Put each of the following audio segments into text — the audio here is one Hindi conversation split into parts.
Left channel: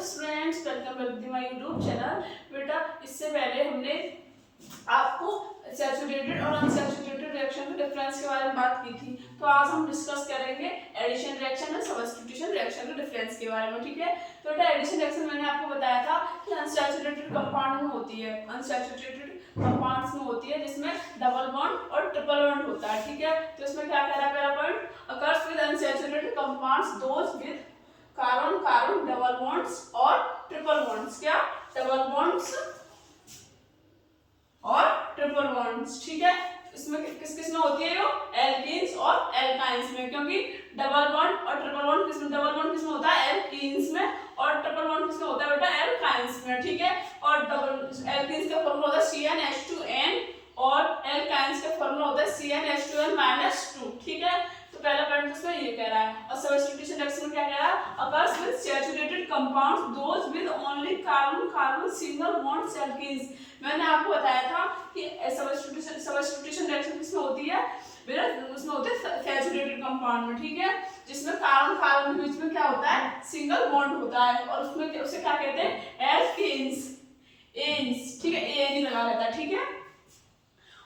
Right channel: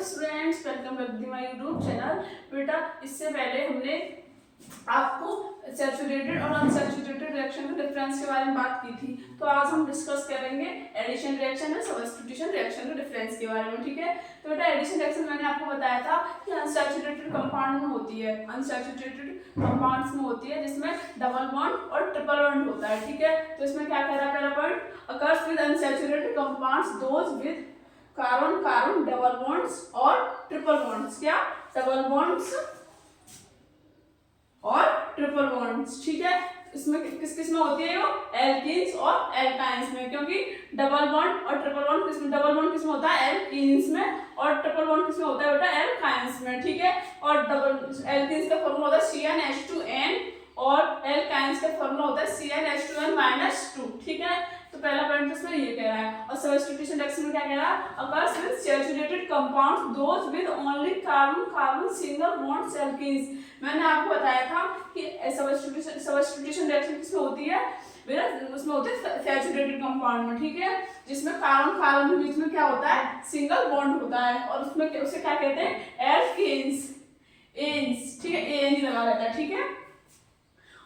Students, welcome back to my YouTube channel. बेटा इससे पहले हमने आपको सैचुरेटेड और अनसैचुरेटेड रिएक्शन के डिफरेंस के बारे में बात की थी। तो आज हम डिस्कस करेंगे एडिशन रिएक्शन और सब्स्टिट्यूशन रिएक्शन के डिफरेंस के बारे में। ठीक है, तो बेटा एडिशन रिएक्शन मैंने आपको बताया था कि अनसैचुरेटेड कंपाउंड में होती है, अनसैचुरेटेड कंपाउंड्स में होती है जिसमें डबल बॉन्ड और ट्रिपल बॉन्ड होता है। ठीक है, तो इसमें क्या कह रहा है पहला point, occurs with unsaturated compounds those with carbon carbon double bonds और ट्रिपल बॉन्ड्स। क्या डबल बॉन्ड्स और ट्रिपल बॉन्ड्स। ठीक है, इसमें किस किस में होती है, एल्कीन्स और एल्काइंस में, क्योंकि डबल बॉन्ड और ट्रिपल बॉन्ड किसमें, डबल बॉन्ड किसमें होता है, एल्कीन्स में, और ट्रिपल बॉन्ड किसमें होता है बेटा, एल्काइंस में। ठीक है, और डबल एल्कीन्स का फॉर्मूला होता है CnH2n और एल्काइंस का फॉर्मूला होता है CnH2n-2। ठीक है, तो पहला पॉइंट इसमें ये कह रहा है। और सब्स्टिट्यूशन रिएक्शन में क्या कह रहा है, occurs with saturated compounds those with only carbon carbon single bond alkenes. मैंने आपको बताया था कि सब्स्टिट्यूशन रिएक्शन किसमें होती है, उसमें होती है सैचुरेटेड कंपाउंड में। ठीक है, जिसमें कार्बन कार्बन के बीच में क्या होता है, सिंगल बॉन्ड होता है, और उसमें उसे क्या कहते हैं, एल्कीन्स, एन्स। ठीक है, एन ही लगा रहता है। ठीक है,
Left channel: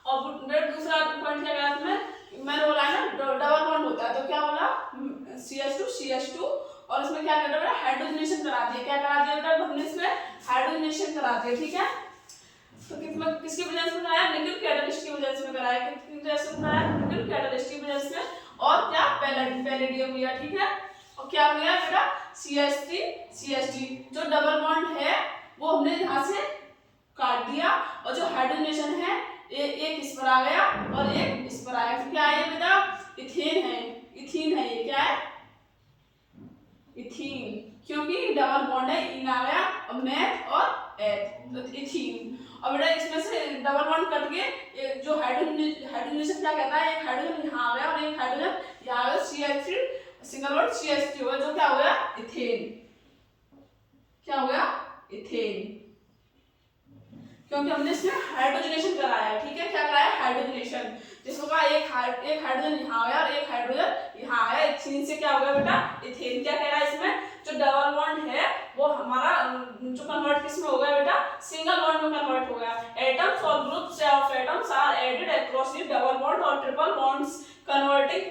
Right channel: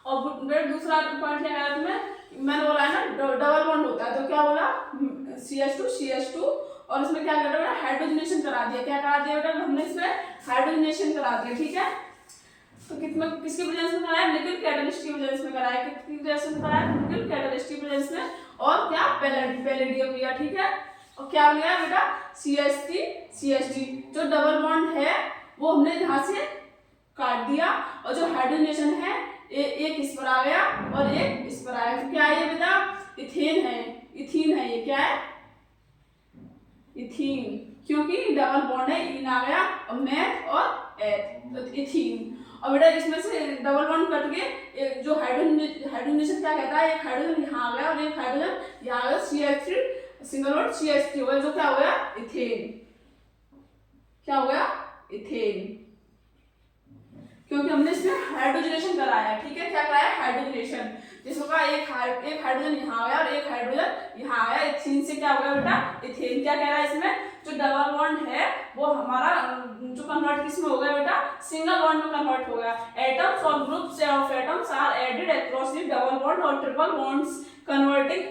और दूसरा पॉइंट क्या कहा तुम्हें, मैंने बोला है ना डबल बॉन्ड होता है, तो क्या बोला CH2 और इसमें क्या कर रहा है, हाइड्रोजनेशन करा दिया। क्या करा दिया बेटा, हमने इसमें हाइड्रोजनेशन करा दिया। ठीक है, तो किसमें किसकी वजह से कराया, निकल कैटलिस्ट की वजह से कराया, किसकी वजह से कराया, निकल कैटलिस्ट की वजह से, और क्या पैलेडियम लिया। ठीक है, और क्या मिला बेटा, CH3 जो डबल बॉन्ड है वो हमने यहाँ से काट दिया, और जो हाइड्रोजनेशन है एक इस पर आ गया और एक इस पर आ गया। तो क्या है बेटा, इथेन है, इथीन है। ये क्या है, इथीन, क्योंकि डबल बॉन्ड है, इन आ गया और मैथ और एथ, तो इथीन। और बेटा इसमें से डबल बॉन्ड कट के जो हाइड्रोजनेशन क्या कहता है, एक हाइड्रोजन यहाँ आ गया और एक हाइड्रोजन यहाँ आ गया, CH3 सिंगल बॉन्ड CH3 हो गया, जो क्या हो गया, इथेन। क्या हो गया, इथेन, क्योंकि हमने इसमें हाइड्रोजनेशन कराया है। ठीक है, क्या कराया, हाइड्रोजनेशन, जिसको कहा एक हाइड्रोजन यहाँ आ गया और एक हाइड्रोजन यहाँ आया, इथीन से क्या हो गया बेटा, इथेन। क्या कह रहा है, इसमें जो डबल बॉन्ड है वो हमारा जो कन्वर्ट किसमें हो गया बेटा, सिंगल बॉन्ड में कन्वर्ट हो गया। एटम्स और groups of atoms are added across the double bond और triple bonds converting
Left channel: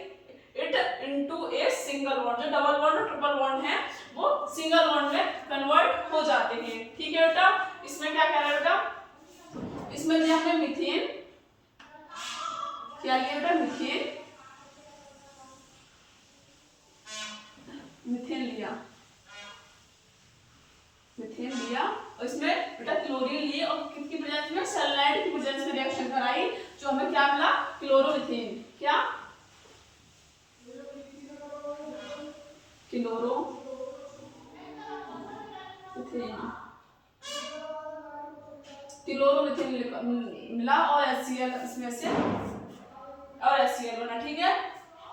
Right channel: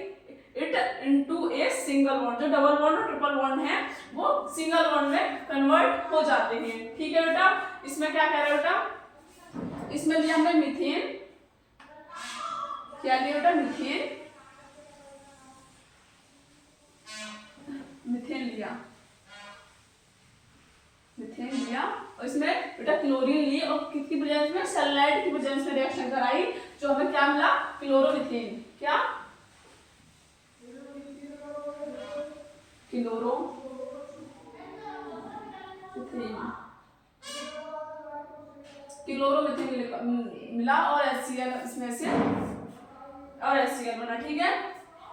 it into a single bond. जो डबल बॉन्ड और ट्रिपल बॉन्ड है वो सिंगल बॉन्ड में कन्वर्ट हो जाते हैं। ठीक है बेटा, इसमें क्या कह रहा है बेटा, इसमें लिया हमने मीथेन। क्या लिया बेटा, मीथेन, मीथेन लिया, मीथेन लिया, और इसमें बेटा क्लोरीन लिए, और किसकी वजह से, सनलाइट की वजह से रिएक्शन कराई, जो हमें क्या मिला, क्लोरोमीथेन। क्या, क्लोरोमीथेन मिला, और HCl इसमें से, और HCl बना। ठीक है,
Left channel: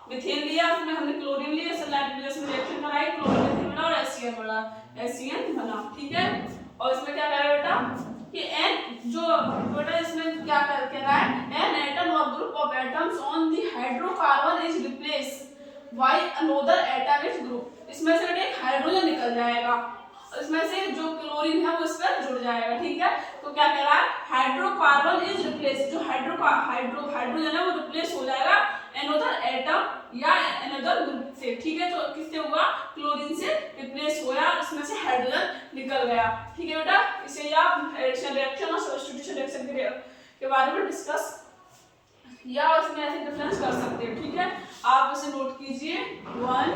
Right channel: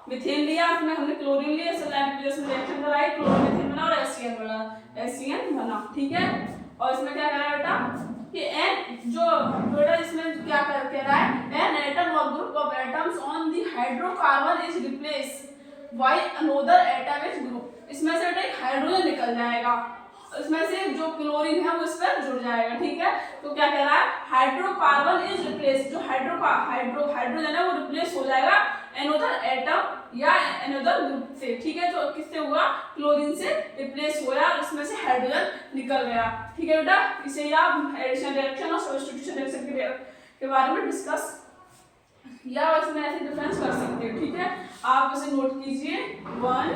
मीथेन लिया, उसमें हमने क्लोरीन लिया, सनलाइट की वजह से रिएक्शन कराई, क्लोरोमीथेन बना और HCl बना। ठीक है, और इसमें क्या कह रहा है बेटा कि एन जो बेटा इसमें क्या कह रहा है, एन एटम और group of atoms on the hydrocarbon is replace by another atom is group. इसमें से एक हाइड्रोजन निकल जाएगा, इसमें से जो क्लोरीन है वो इस पर जुड़ जाएगा। ठीक है, तो क्या कह रहा है, हाइड्रोकार्बन इज रिप्लेस, जो हाइड्रोजन है वो रिप्लेस हो जाएगा अनदर एटम या अनदर ग्रुप से। ठीक है, तो किससे हुआ, क्लोरीन से रिप्लेस हुआ, इसमें से हाइड्रोजन निकल गया। ठीक है बेटा, इसे ही आप एडिशन रिएक्शन और सब्स्टिट्यूशन रिएक्शन के बारे में डिस्कस या इसमें ऐसे डिफरेंस कर सकते हैं। ठीक है, आप उसे नोट कीजिए 1